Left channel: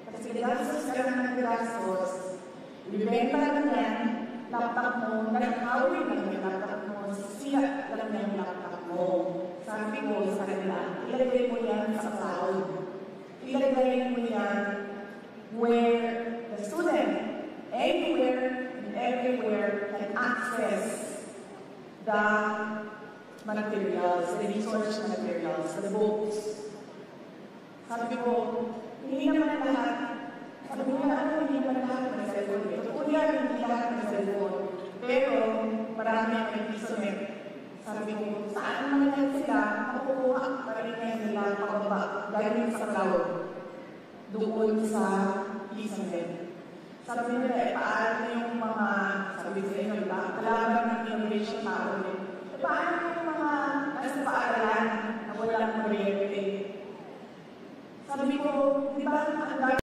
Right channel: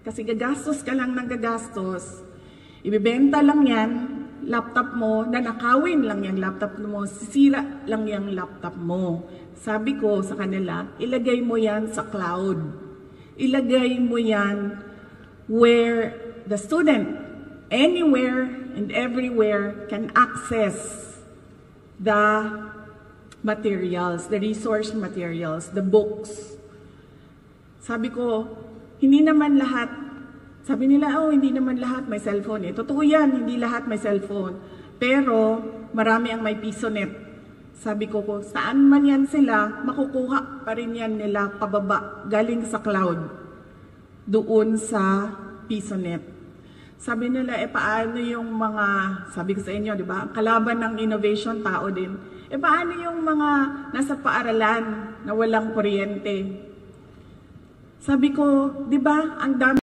Kasi gagastos ka lang ng gagastos. Ibibenta lang yan, laptop mo, nanakawin lang yung laptop mo, sisira lang yung laptop mo. Sabi ko sa kanila, ilagay mo yan sa cloud. Ilagay mo yan where the student, anywhere and everywhere, can access the materials, the resource materials, the books. Sabi ko, hindi naman lahat. Sabi nila, oh, hindi naman lahat may cellphone. Totoo yan, hindi lahat may cellphone. Pero, marami ang may PisoNet. Sabi ko, kung saan man yan sila, makukuha pa rin yan nila pababa, galing sa cloud, doon sa PisoNet. Sabi nila, paano yung mga, sabi ko sa inyo, di ba, kalaban ng innovation, tao din. Paano yung mga nasa paaralan na walang kuryente? Sabi ko, di ba, ang dami